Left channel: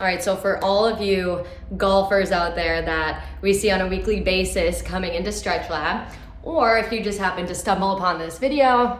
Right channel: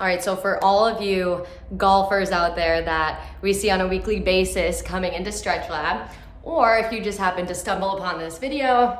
All right, so for all of you golfers out there that we see on a weekly basis coming into Stretch Lab, or if you just happen to stumble upon this video,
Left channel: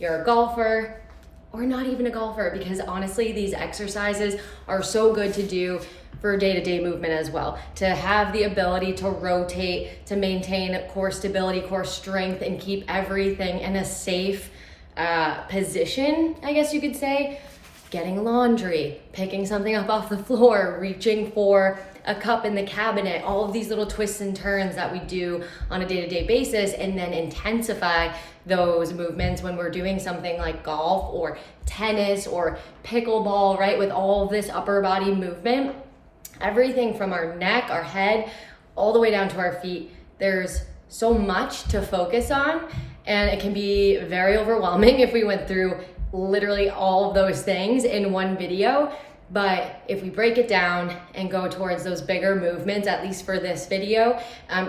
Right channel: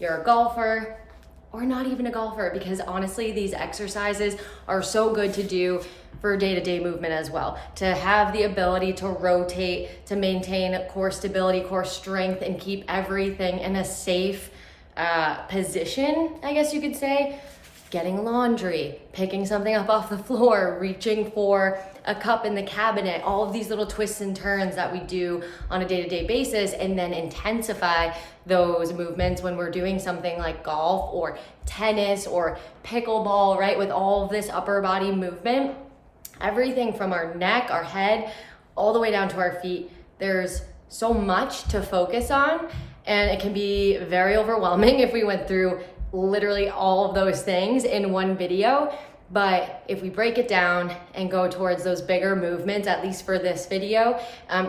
you're a golfer or not even a golfer, because honestly, these exercises are so good to do for day-to-day movement as well. To have the ability to rotate, to maintain core stability, core strength, and keep everything in a safe position, I guess you could say. Getting laundry, picking something up off the floor, reaching for a cup in the cabinet, all of these little twists and turns that we do on a day-to-day basis, and then intensify those movements when we're doing something like golf or tennis or pickleball, right? With all of this upper body movement, everything from our neck, our head, all the way down to our feet. There's so much to focus on, and it can be very overwhelming if we went through literally all of those things in one video. But if we break it down and go towards those bigger movements, at least for this video,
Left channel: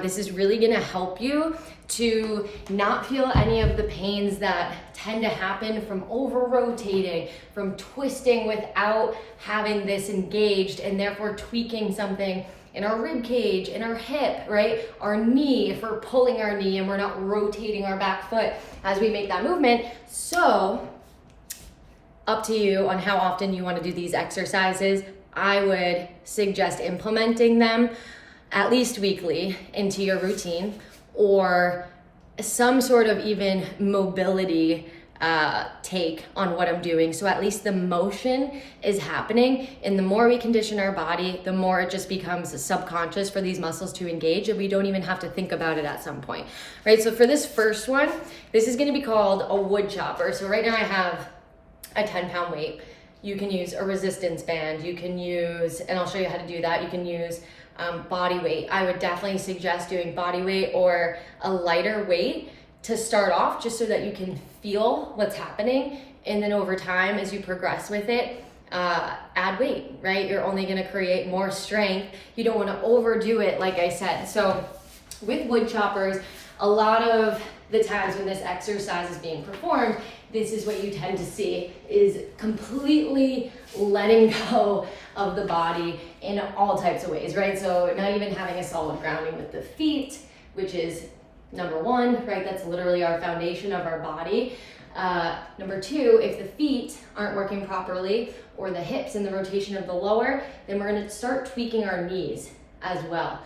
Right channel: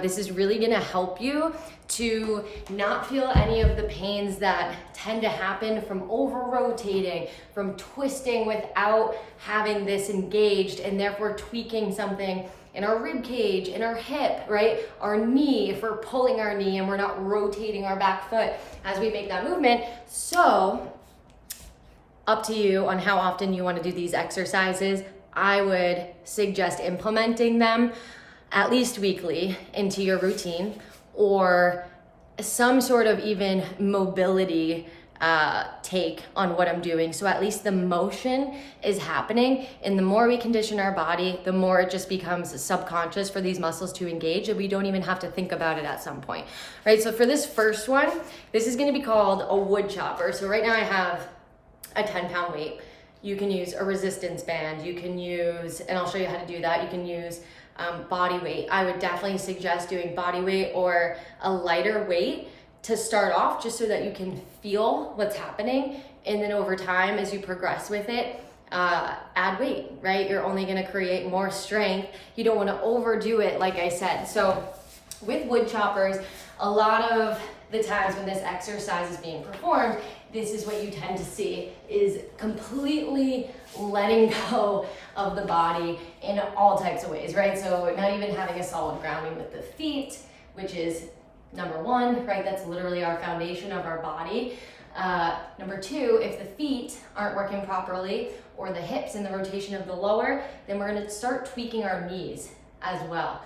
this is really gonna help you to not feel any of the pains that tend to happen from over rotating, from twisting without having this engaged, and therefore tweaking something in our rib cage, in our hip, right? Our knee, if we're pulling our knee and we're not rotating our back foot as we make that movement. So up to you on how often you want to do these exercises. I would suggest implementing them at least weekly into your routine, or some sort of even mobility take on what I'm doing. So at least the motion is happening, and the more we condition our body, the more it just becomes subconscious for these muscles to engage, and we don't even have to think about it at some point, right? So for this first one, this is going to be called a wood chopper. So right now I have a 10-pound weight. You can use a resistance band. You can use, and I'll show you how to do that. You can use body weight. I would definitely suggest doing body weight or a lighter weight to start off, just so that you can feel what's happening. And then over time, as you progress with it, add weight, right? You're only gonna create more strength. You don't wanna overdo it, like I said. So with wood choppers, a lot of the times when this exercise is being performed, this is what you tend to see, is completely letting go of the body in all types of ways, right? So not even having a solid grounding with the feet, which is number one, right? That's literally our foundation of our body. Number two, if the feet aren't working properly, or the hips and the rotation of the lower, then we're gonna start tweaking our knees as well.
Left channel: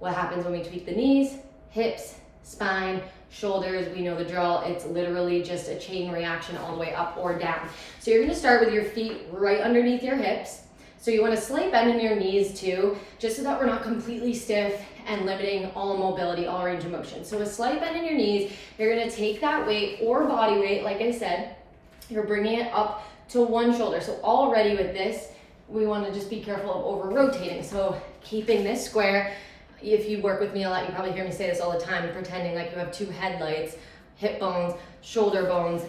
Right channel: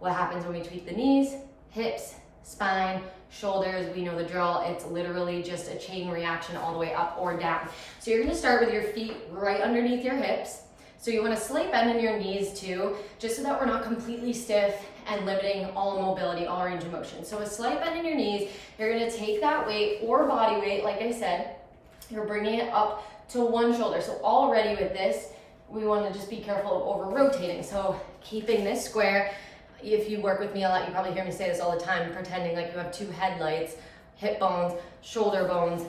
What happens when we tweak the knees? Hips, spine, shoulders, we know the drill. It's literally just a chain reaction all the way up or down. So you're gonna start with your feet right underneath your hips. So you want a slight bend in your knees too, just so that we're not completely stiff and limiting all mobility, all range of motion. So a slight bend in your knees, you're gonna take that weight or body weight, like I said, you're bringing it up to one shoulder. So already with this, we wanna just be careful of over rotating. So keeping this square. If you work with me a lot, you probably hear me say this all the time, pretending like you have two headlights, hip bones, shoulder bones,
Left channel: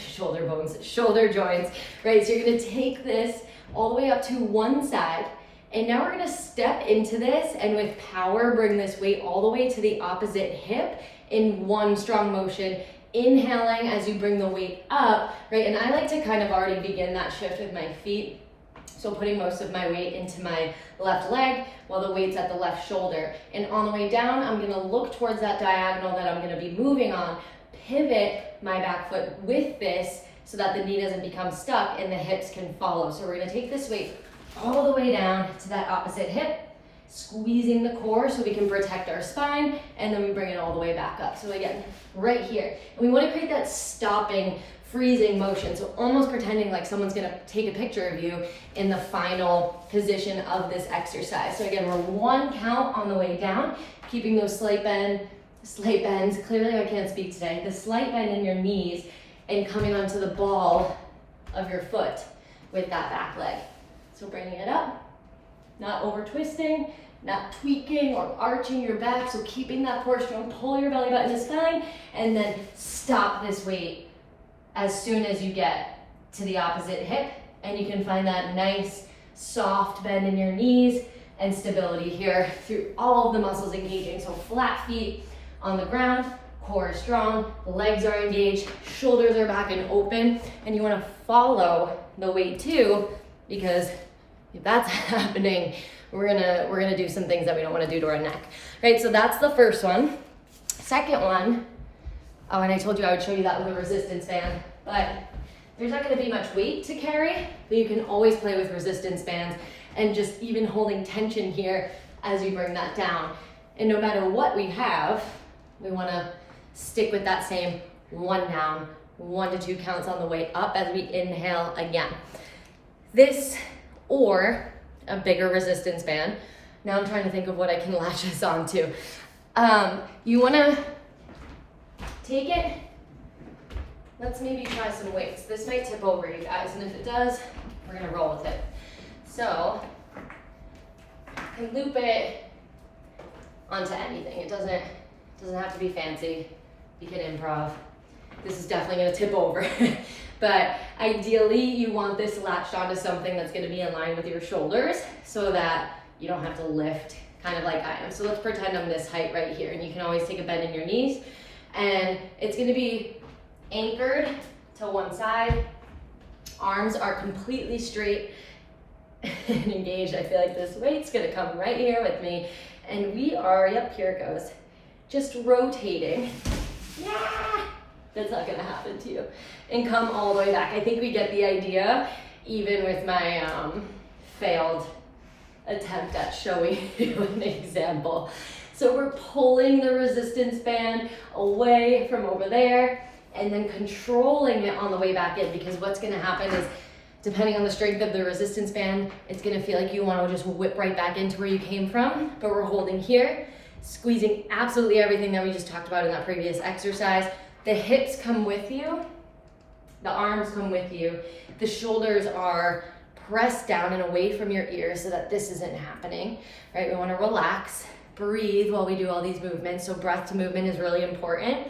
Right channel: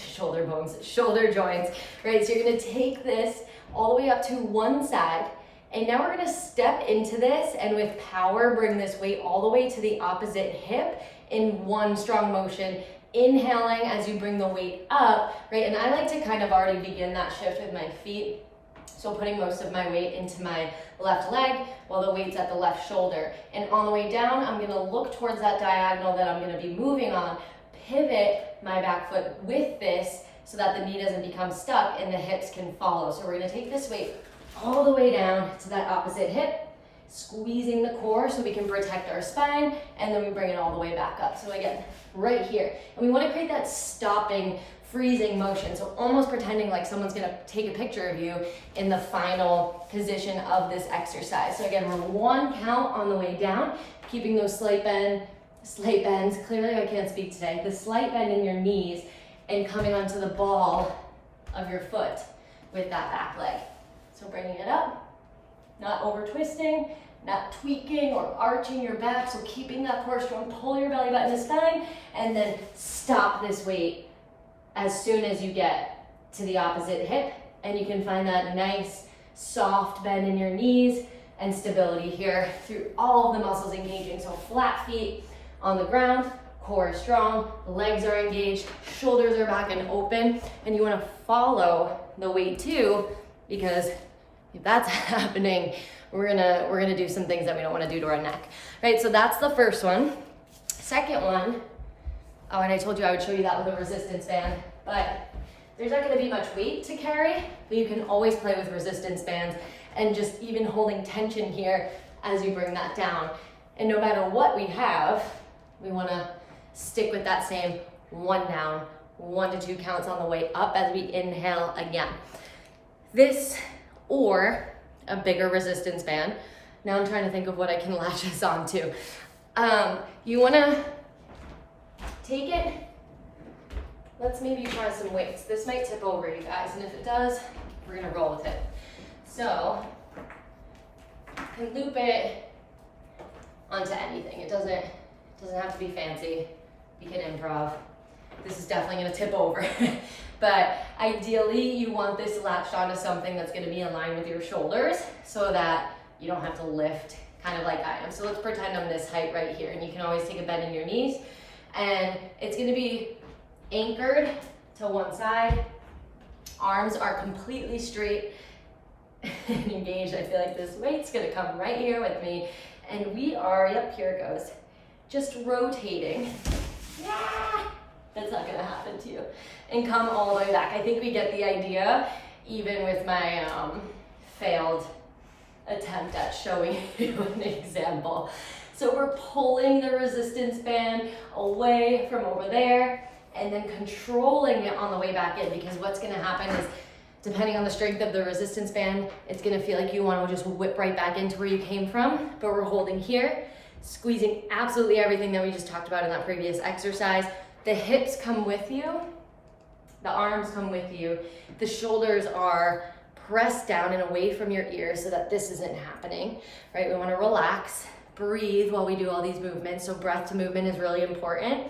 shoulder joints, right? So you're gonna take this all the way up to one side, and now we're gonna step into this, and with power, bring this weight all the way to the opposite hip in one strong motion, inhaling as you bring the weight up, right? And I like to kind of already begin that shift with my feet. So putting most of my weight into my left leg while the weight's at the left shoulder. And on the way down, I'm gonna look towards that diagonal that I'm gonna be moving on, pivot my back foot with this so that the knee doesn't become stuck and the hips can follow. So we're gonna take this weight all the way down to that opposite hip, squeezing the core so we can protect our spine, and then we bring it all the way back up. So again, right here. And we wanna create that stopping, freezing motion, so almost pretending like someone's gonna take a picture of you in the final position of this exercise. So again, we're one count on the way down, keeping those slight bends. Clearly I can't speak today. The slight bend in your knees and coming onto the ball of your foot with that back leg. So bringing it up, not over twisting, not tweaking or arching your back. So keeping that core strong, pull your belly button to spine, and then stop this weight as soon as you get to the opposite hip, and you can find that nice soft bend in your knees and stability here through all of the muscles engaging. So flat feet on the ground, core is strong, legs are engaged, shoulders are back and open, and you want to follow the weight too, because If that's happening, we're gonna do some things that we don't wanna do to our neck, right? So that's the first one. Second one, oh, and I told you I would show you that with a resistance band, but there's not gonna be much weight to carry, but you can always play with resistance bands and just even holding tension here as you bring that down. And no matter what we have, we wanna stick with that same 1 down, 1 to 2 counts on the way up as we inhale again. This or a bigger resistance band. Now I'm trying to think of what I can latch this onto. You wanna take it, let's maybe try some weights. This might tip over, you guys, and if it does, we're gonna roll with it. So, you can loop it onto anything. It doesn't have to be fancy. You can improv. This is definitely gonna tip over. But ideally, you want this latched onto something that's gonna be in line with your shoulders so that you don't have to lift kind of like I am. So let's pretend I'm this height right here, and you can always take a bend in your knees, and it's gonna be anchored to one side. Arms are completely straight and engaged. I feel like this weight's gonna come right here with me. And we are, yep, here it goes. Just rotating. Yeah, that's not gonna happen to you. And come all the way back. I think we get the idea, even with my failed attempt at showing you an example. So we're pulling the resistance band away from over there and then controlling it on the way back in, because what's gonna happen is, depending on the strength of the resistance band, it's gonna feel like you wanna just whip right back into where you came from, but we're holding here, squeezing absolutely everything that we just talked about in that previous exercise. The hips come with you, the arms come with you, the shoulders are pressed down and away from your ears so that this isn't happening, right? We wanna relax, breathe while we do all these movements. So breath to movement is really important.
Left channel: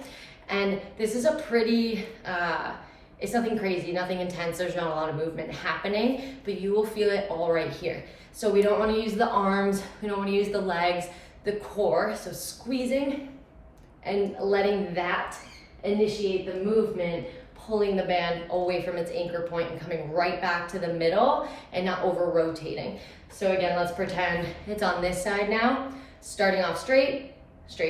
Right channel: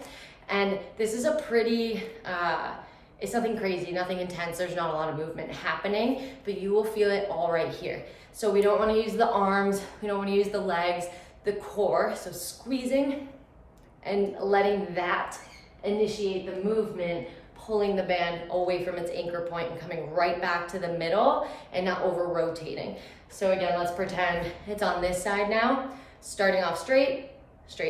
And this is a pretty, it's nothing crazy, nothing intense. There's not a lot of movement happening, but you will feel it all right here. So we don't want to use the arms, we don't want to use the legs, the core. So squeezing and letting that initiate the movement, pulling the band away from its anchor point and coming right back to the middle and not over rotating. So again, let's pretend it's on this side now. Starting off straight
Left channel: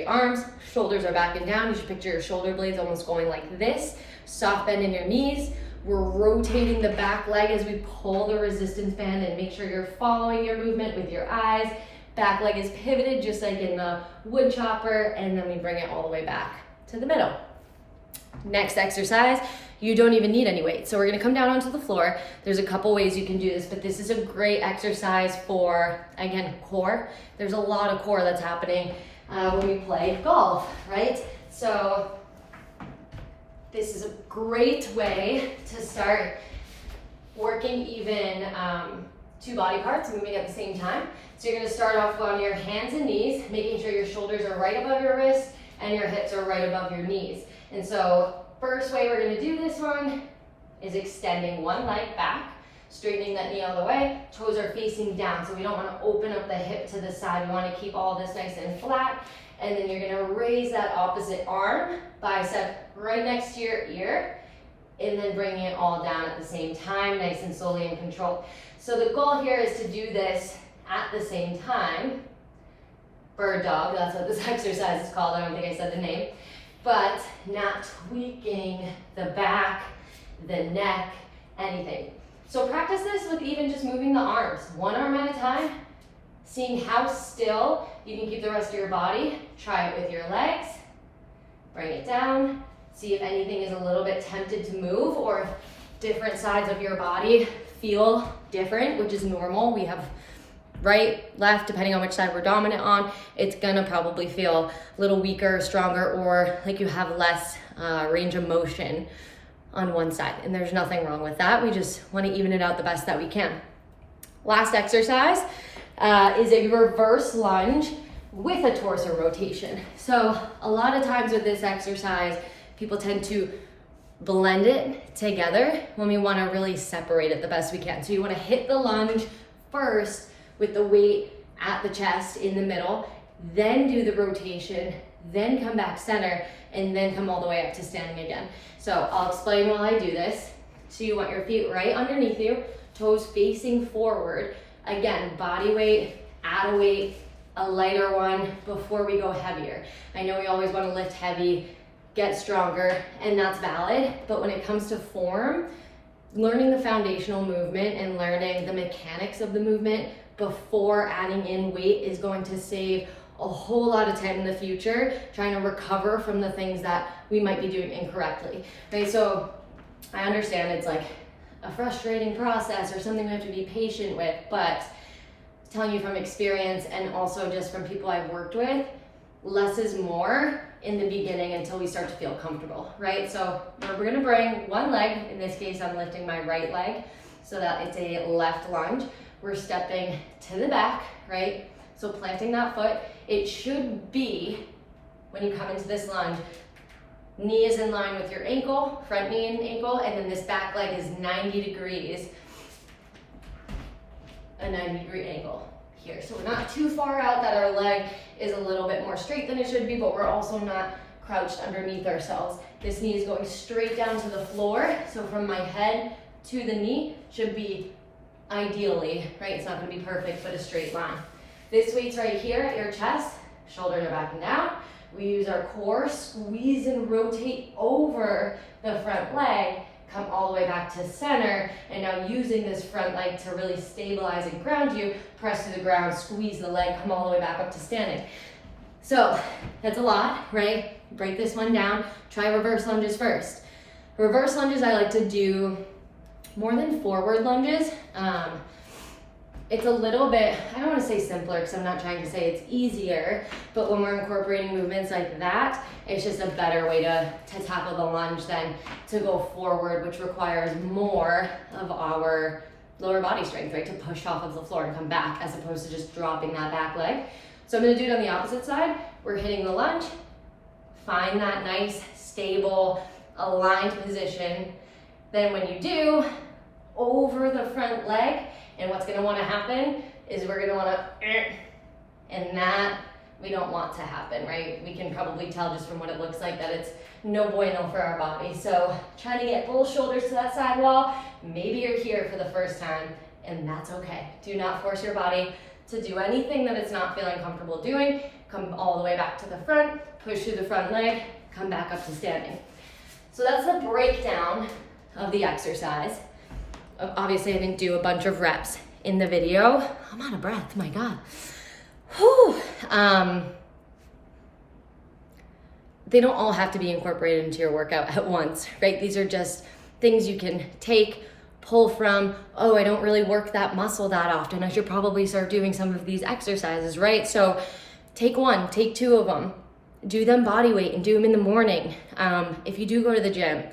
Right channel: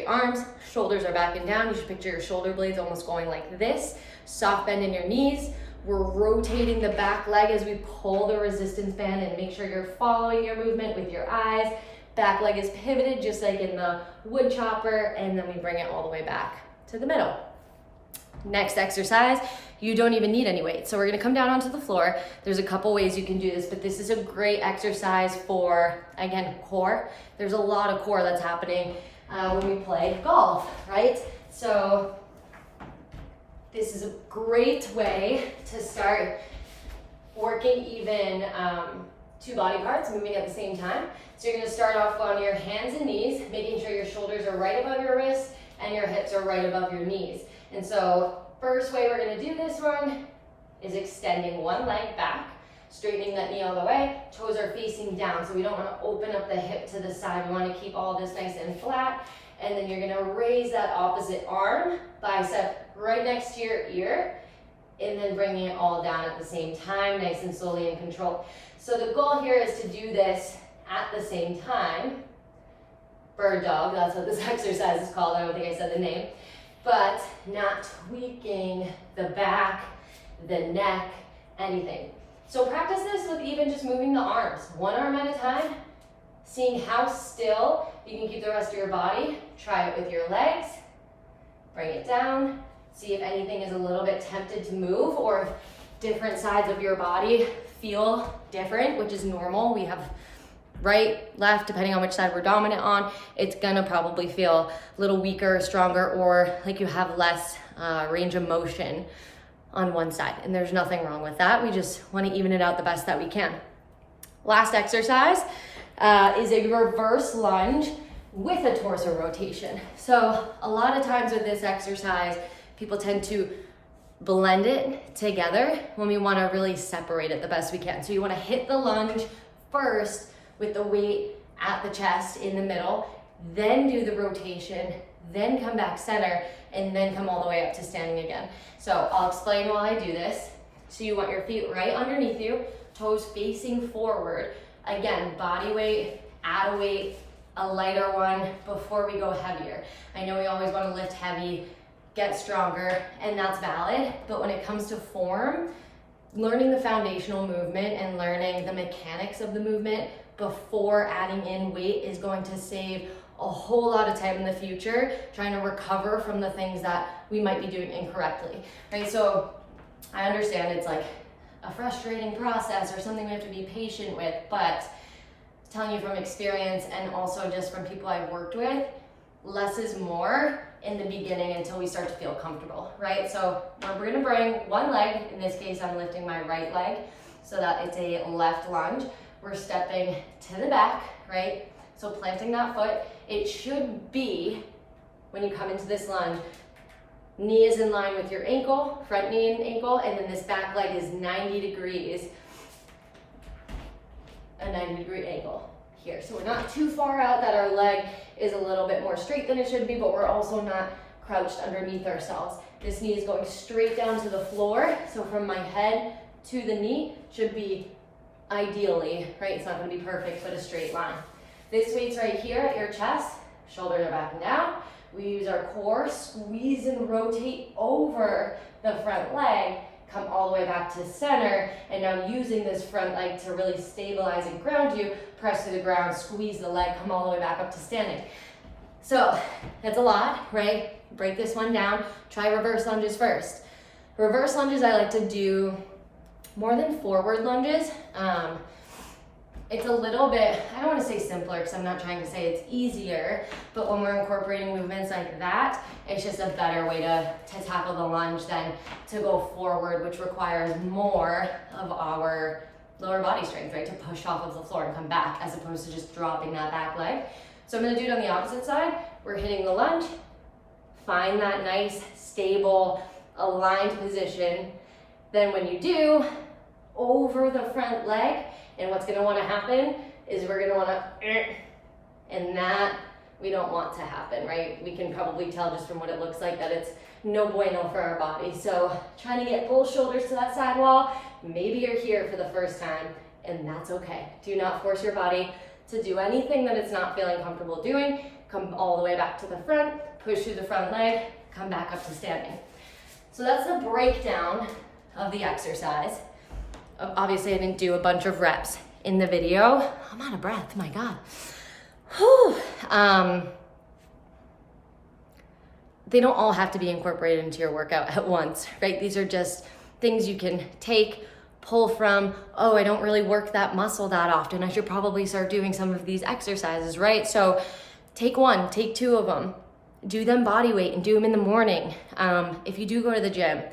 arms, shoulders are back and down. You should picture your shoulder blades almost going like this. Soft bend in your knees. We're rotating the back leg as we pull the resistance band, and make sure you're following your movement with your eyes. Back leg is pivoted just like in the wood chopper, and then we bring it all the way back to the middle. Next exercise, you don't even need any weight. So we're gonna come down onto the floor. There's a couple ways you can do this, but this is a great exercise for, again, core. There's a lot of core that's happening when we play golf, right? So this is a great way to start working even 2 body parts moving at the same time. So you're gonna start off on your hands and knees, making sure your shoulders are right above your wrists and your hips are right above your knees. And so first way we're gonna do this one is extending one leg back, straightening that knee all the way, toes are facing down. So we don't wanna open up the hip to the side. We wanna keep all this nice and flat. And then you're gonna raise that opposite arm, bicep right next to your ear, and then bring it all down at the same time, nice and slowly and controlled. So the goal here is to do this at the same time. Bird dog, that's what this exercise is called. I don't think I said the name. But not tweaking the back, the neck, anything. So practice this with even just moving the arms, one arm at a time, seeing how still you can keep the rest of your body. Try it with your legs, bring it down, see if anything is a little bit tempted to move, or if different sides of your body feel different, which is normal. We have right, left, depending on which side we're dominant on. It's gonna probably feel a little weaker, stronger, or like you have less range of motion on one side. And there's nothing wrong with that. We just wanna even it out the best that we can. Last exercise is a reverse lunge with a torso rotation. So a lot of times with this exercise, people tend to blend it together when we wanna really separate it the best we can. So you wanna hit the lunge first with the weight at the chest in the middle, then do the rotation, then come back center, and then come all the way up to standing again. So I'll explain while I do this. So you want your feet right underneath you, toes facing forward. Again, body weight, add a weight, a lighter one before we go heavier. I know we always want to lift heavy, get stronger, and that's valid, but when it comes to form, learning the foundational movement and learning the mechanics of the movement before adding in weight is going to save a whole lot of time in the future trying to recover from the things that we might be doing incorrectly, right? So I understand it's like a frustrating process or something we have to be patient with, but telling you from experience and also just from people I've worked with, less is more in the beginning until we start to feel comfortable, right? So we're gonna bring one leg, in this case I'm lifting my right leg so that it's a left lunge. We're stepping to the back, right? So planting that foot, it should be, when you come into this lunge, knee is in line with your ankle, front knee and ankle, and then this back leg is 90 degrees, a 90-degree angle here. So we're not too far out that our leg is a little bit more straight than it should be, but we're also not crouched underneath ourselves. This knee is going straight down to the floor. So from my head to the knee should be ideally, right? It's not gonna be perfect, but a straight line. This weight's right here at your chest, shoulders are back and down. We use our core, squeeze and rotate over the front leg, come all the way back to center, and now using this front leg to really stabilize and ground you, press to the ground, squeeze the leg, come all the way back up to standing. So that's a lot, right? Break this one down. Try reverse lunges first. Reverse lunges I like to do more than forward lunges. It's a little bit, I don't want to say simpler because I'm not trying to say it's easier, but when we're incorporating movements like that, it's just a better way to tackle the lunge than to go forward, which requires more of our lower body strength, right? To push off of the floor and come back as opposed to just dropping that back leg. So I'm going to do it on the opposite side. We're hitting the lunge, find that nice, stable, aligned position. Then when you do, over the front leg, and what's gonna wanna happen is we're gonna wanna, and that we don't want to happen, right? We can probably tell just from what it looks like that it's no bueno for our body. So trying to get both shoulders to that side wall. Maybe you're here for the first time, and that's okay. Do not force your body to do anything that it's not feeling comfortable doing. Come all the way back to the front, push through the front leg, come back up to standing. So that's the breakdown of the exercise. Obviously, I didn't do a bunch of reps in the video. I'm out of breath, my God. Whew. They don't all have to be incorporated into your workout at once, right? These are just things you can take, pull from. Oh, I don't really work that muscle that often. I should probably start doing some of these exercises, right? So take one, take two of them. Do them body weight and do them in the morning. If you do go to the gym,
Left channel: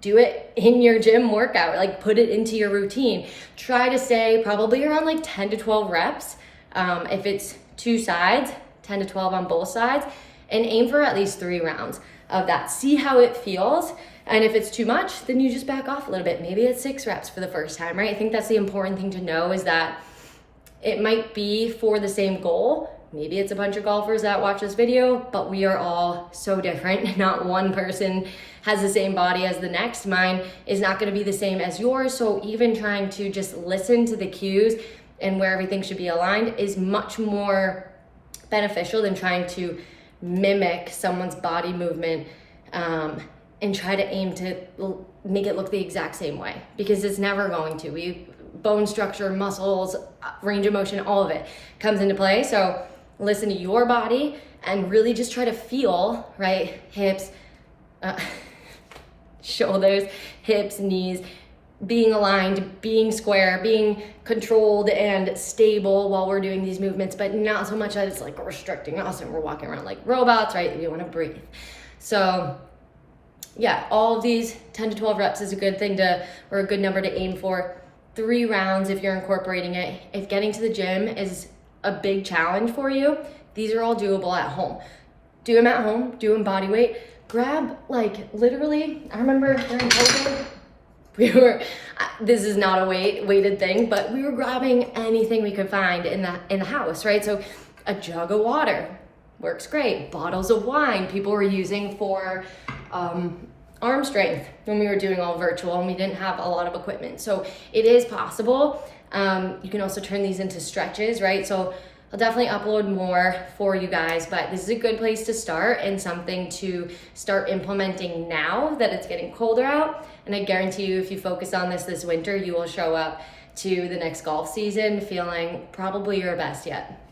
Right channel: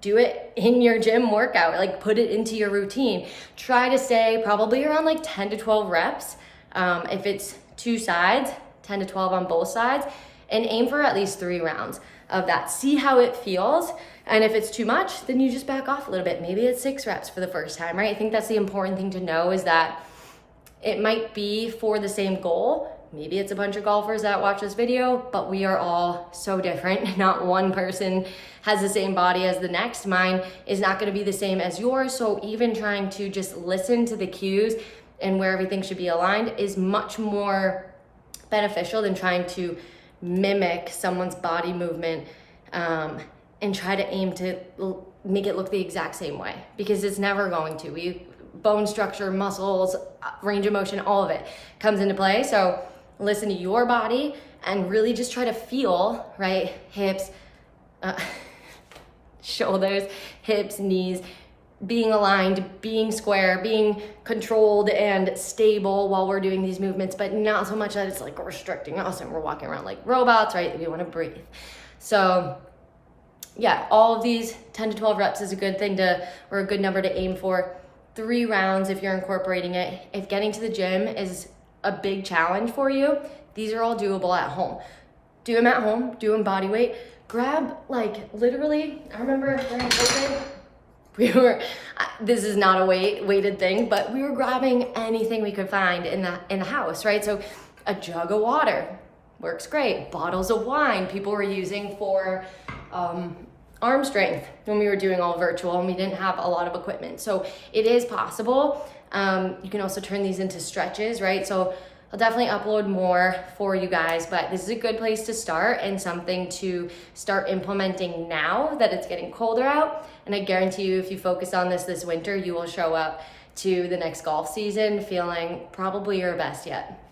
do it in your gym workout, like put it into your routine. Try to stay probably around like 10 to 12 reps. If it's two sides, 10 to 12 on both sides, and aim for at least 3 rounds of that. See how it feels. And if it's too much, then you just back off a little bit. Maybe it's 6 reps for the first time, right? I think that's the important thing to know is that it might be for the same goal. Maybe it's a bunch of golfers that watch this video, but we are all so different. Not one person has the same body as the next. Mine is not gonna be the same as yours. So even trying to just listen to the cues and where everything should be aligned is much more beneficial than trying to mimic someone's body movement and try to aim to make it look the exact same way, because it's never going to. Bone structure, muscles, range of motion, all of it comes into play. So listen to your body and really just try to feel, right? Hips, shoulders, hips, knees, being aligned, being square, being controlled and stable while we're doing these movements, but not so much that it's like restricting us and we're walking around like robots, right? We want to breathe. So yeah, all of these 10 to 12 reps is a good thing or a good number to aim for. 3 rounds if you're incorporating it. If getting to the gym is a big challenge for you, these are all doable at home. Do them at home, do them body weight. Grab, like, literally, I remember during COVID, this is not a weighted thing, but we were grabbing anything we could find in the house, right? So a jug of water works great. Bottles of wine people were using for arm strength when we were doing all virtual and we didn't have a lot of equipment. So it is possible. You can also turn these into stretches, right? So I'll definitely upload more for you guys, but this is a good place to start and something to start implementing now that it's getting colder out. And I guarantee you, if you focus on this winter, you will show up to the next golf season feeling probably your best yet.